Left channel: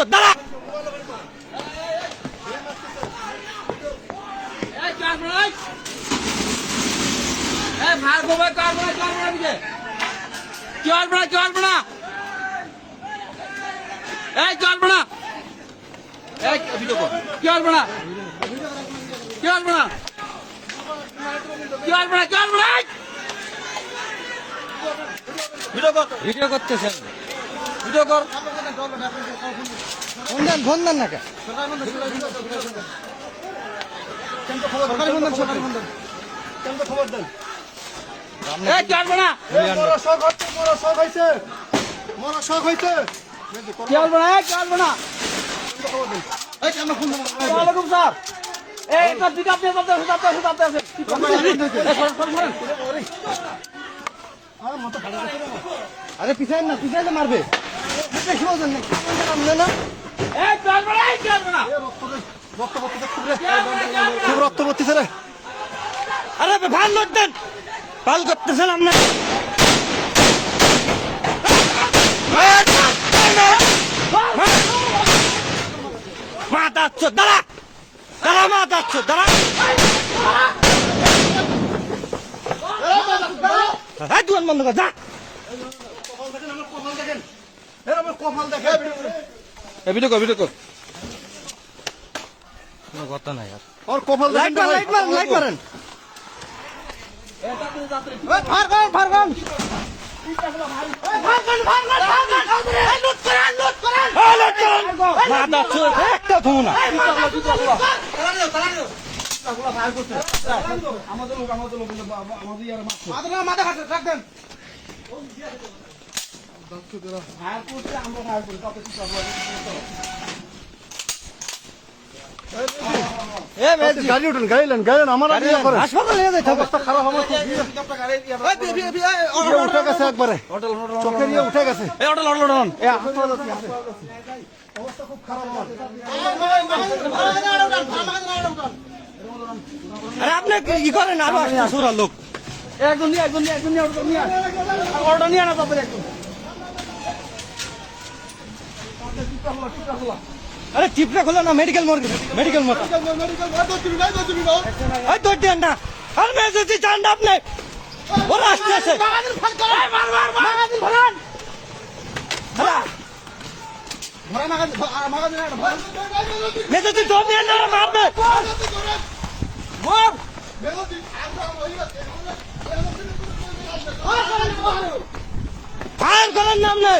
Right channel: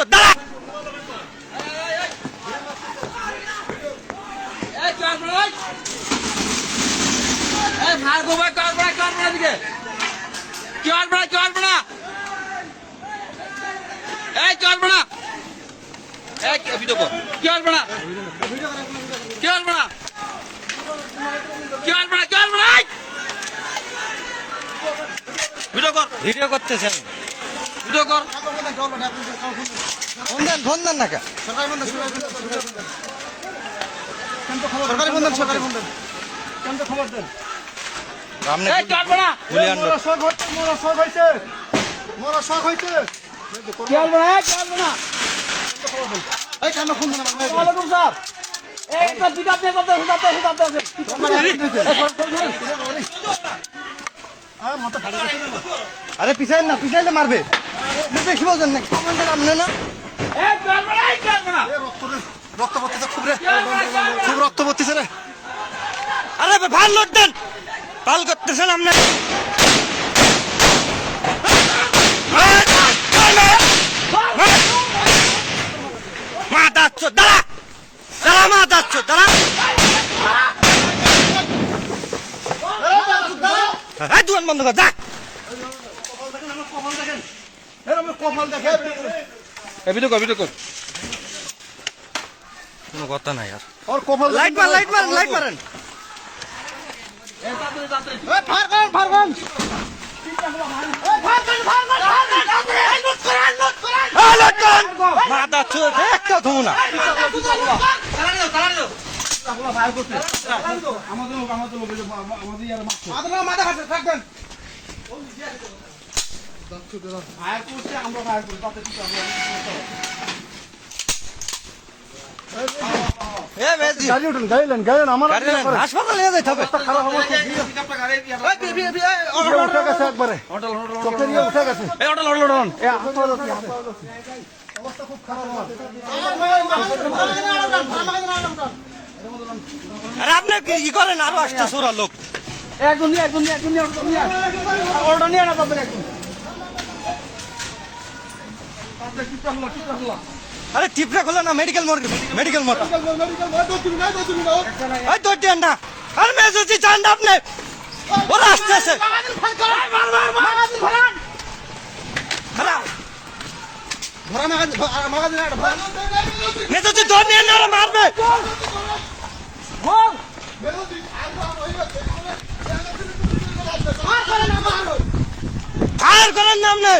চোদ দাঁড়া। ভিডিও করতেছেন, ভিডিও কর। ফোন দেন না কে? সরকারি ফোন দেন, সরকারি ফোন দেন। খবর দেন। আরে পিছাই না, পিছাইলে মারবে। রক্ত পড়তেছে, খুব রক্ত পড়তেছে রে। আরে ভাল লোড দেন, পাল করতেছেন আপনি। মা দাচ্ছ দাঁড়া, দাঁড়া মা দাচ্ছ দাঁড়া। দুয়ান বন্ধ কর, যা। কোনো কথা নাই আর। লাইট মারেন, লাইট মারেন, লাইট মারেন। একটা ধু না। হাসপাতালে নিয়ে যেতে হবে। একবারে চোখে নিয়ে উঠে গেছে। অবস্থা খুব খারাপ। আরে আপনি ই করেন, আরো আসতে সোরা লোক। আরে টিপটা খোলা না, মেডিকেল মোড়, মেডিকেল মোড়। না আর মেয়ে যদি চান আপনি, ওরা আসতেছে। মেয়ে যদি ধর নিয়ে না মারবে। ফায়ার করেন না আপনি।